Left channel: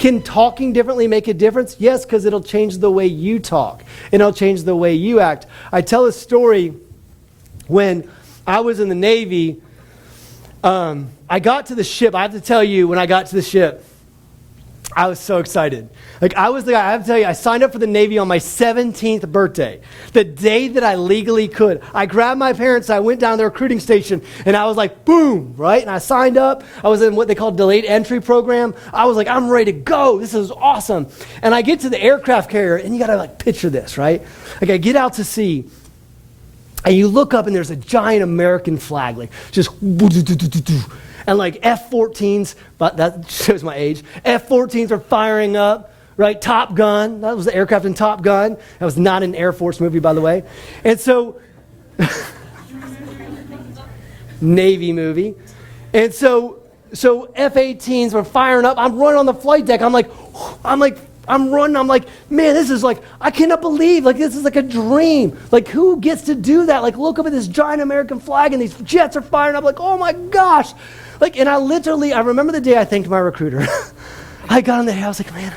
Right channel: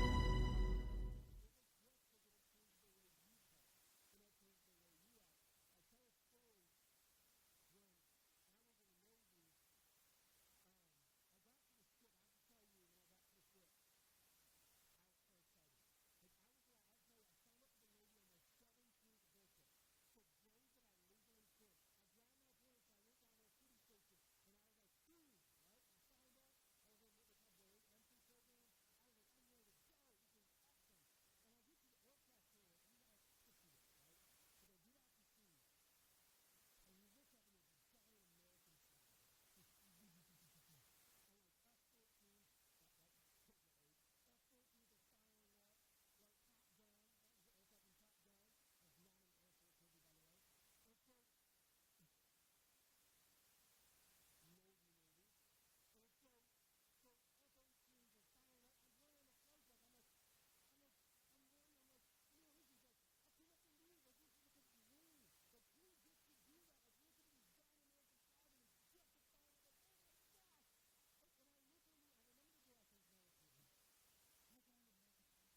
Can talking differently make a difference? Yes, because it'll change the way you talk. And it'll change the way you act. I tell a story when I was in the Navy. I got to the ship. I have to tell you, when I got to the ship, I was so excited. Like, I was the guy, I have to tell you, I signed up for the Navy on my 17th birthday, the day that I legally could. I grabbed my parents, I went down to the recruiting station, and I was like, boom, right? And I signed up. I was in what they call delayed entry program. I was like, I'm ready to go. This is awesome. And I get to the aircraft carrier, and you got to like picture this, right? Like, I get out to sea, and you look up, and there's a giant American flag, like just and like F-14s, but that shows my age. F-14s are firing up, right? Top Gun, that was the aircraft in Top Gun. That was not an Air Force movie, by the way. And so, Navy movie. And so F-18s were firing up. I'm running on the flight deck. I'm running. I'm like, man, this is like, I cannot believe, like, this is like a dream. Like, who gets to do that? Like, look up at this giant American flag and these jets are firing up. Like, oh my gosh. Like, and I remember the day I thanked my recruiter. I got in the house, like, man,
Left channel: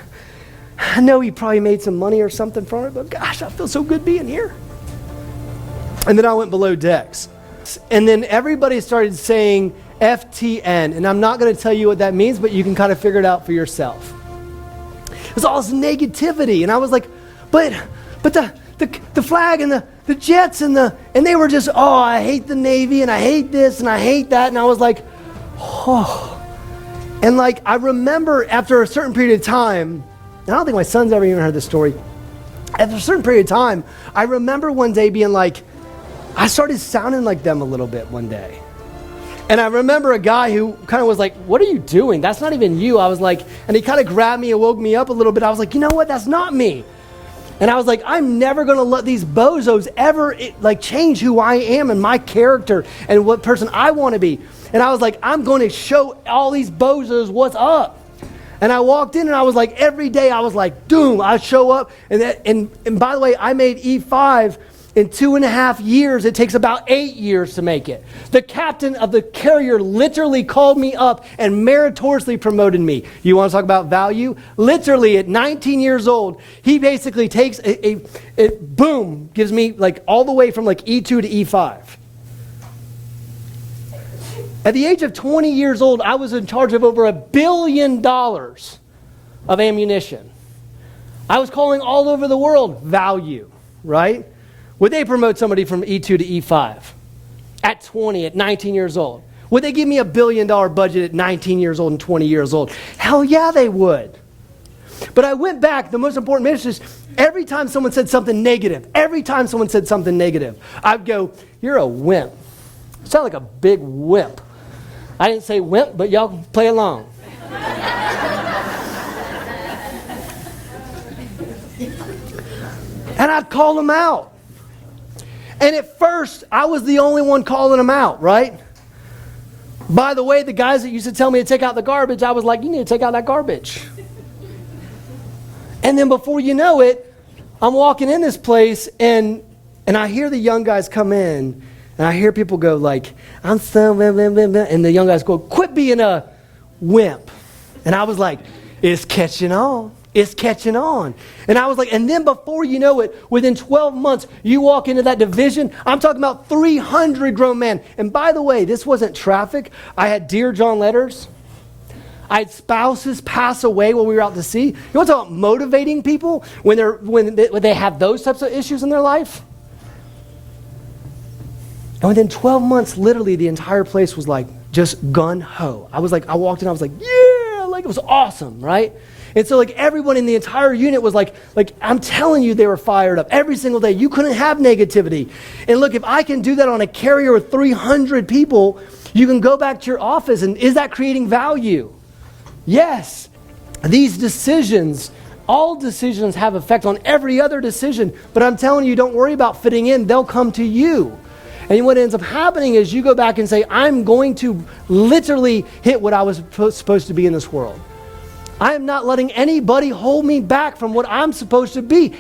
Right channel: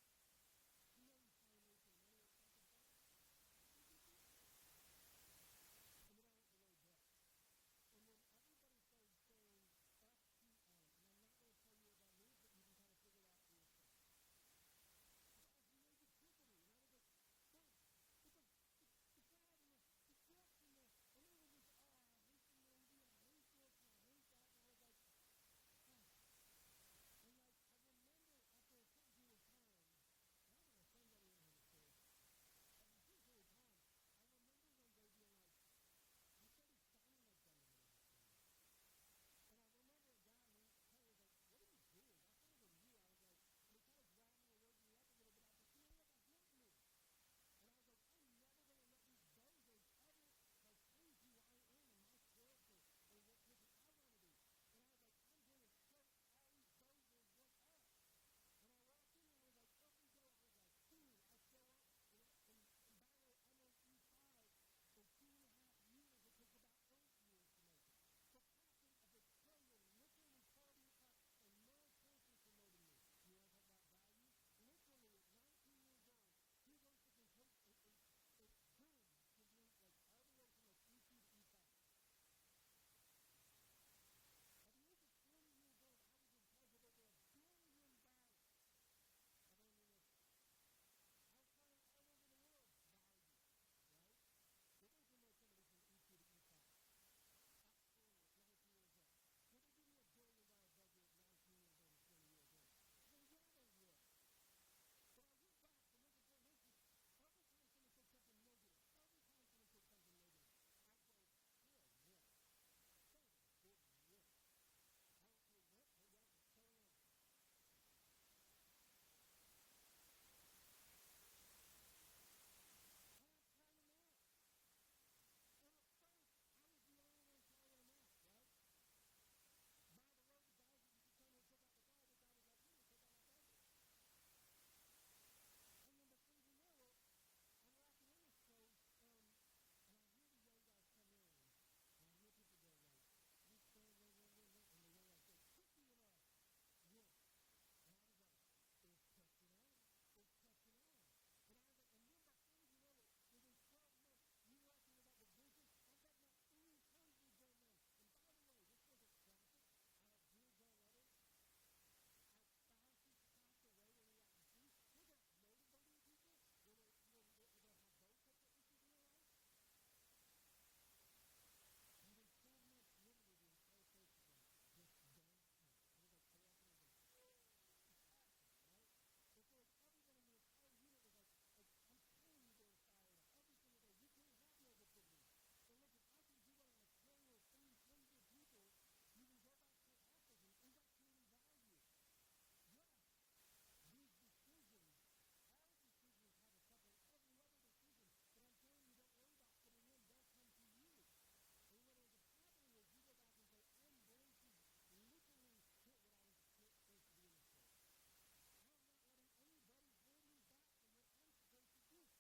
I know he probably made some money or something from it, but gosh, I feel so good being here. And then I went below decks. And then everybody started saying FTN. And I'm not going to tell you what that means, but you can kind of figure it out for yourself. It was all this negativity. And I was like, but the flag and the jets and they were just, oh, I hate the Navy and I hate this and I hate that. And I was like, oh. And like, I remember after a certain period of time, I don't think my son's ever even heard this story. After a certain period of time, I remember one day being like, I started sounding like them a little bit one day. And I remember a guy who kind of was like, what are you doing? That's not even you. I was like, and he kind of grabbed me and woke me up a little bit. I was like, you know what? That's not me. And I was like, I'm never going to let these bozos ever change who I am and my character and what person I want to be. And I was like, I'm going to show all these bozos what's up. And I walked in and I was like, every day I was like, doom, I show up. And by the way, I made E5 in 2.5 years. It takes about 8 years to make it. The captain of the carrier literally called me up and meritoriously promoted me. You want to talk about value? Literally at 19 years old, he basically takes boom, gives me like all the way from like E2 to E5. At the age of 20 years old, I was in charge of over $1 billion of ammunition. I was calling all over the world value, right? Would they promote somebody from E2 to E5 at 20, at 19 years old? Would they give me $1 billion budget at 19 years old and 20 years old? Hell yeah, they would. But I went back, the most important message is every time someone said something negative, I'd go, you're a wimp. You sound like a big wimp. I didn't say wimp, but y'all can play along. And I'd call them out. And at first, I was the only one calling them out, right? By the way, the guys that used to tell me to take out the garbage, I was like, you need to take out that garbage. And then before you know it, I'm walking in this place, and I hear the young guys come in, and I hear people go like, I'm so, blah, blah, blah, blah. And the young guys go, quit being a wimp. And I was like, it's catching on. It's catching on. And I was like, and then before you know it, within 12 months, you walk into that division. I'm talking about 300 grown men. And by the way, this wasn't traffic. I had Dear John letters. I had spouses pass away while we were out to sea. You want to talk about motivating people when they have those types of issues in their life? And within 12 months, literally the entire place was like just gun-ho. I walked in, I was like, yeah, like it was awesome, right? And so like everyone in the entire unit was like I'm telling you, they were fired up every single day. You couldn't have negativity. And look, if I can do that on a carrier with 300 people, you can go back to your office, and is that creating value? Yes. These decisions, all decisions have effect on every other decision, but I'm telling you, don't worry about fitting in. They'll come to you. And what ends up happening is you go back and say, I'm going to literally hit what I was supposed to be in this world. I am not letting anybody hold me back from what I'm supposed to be.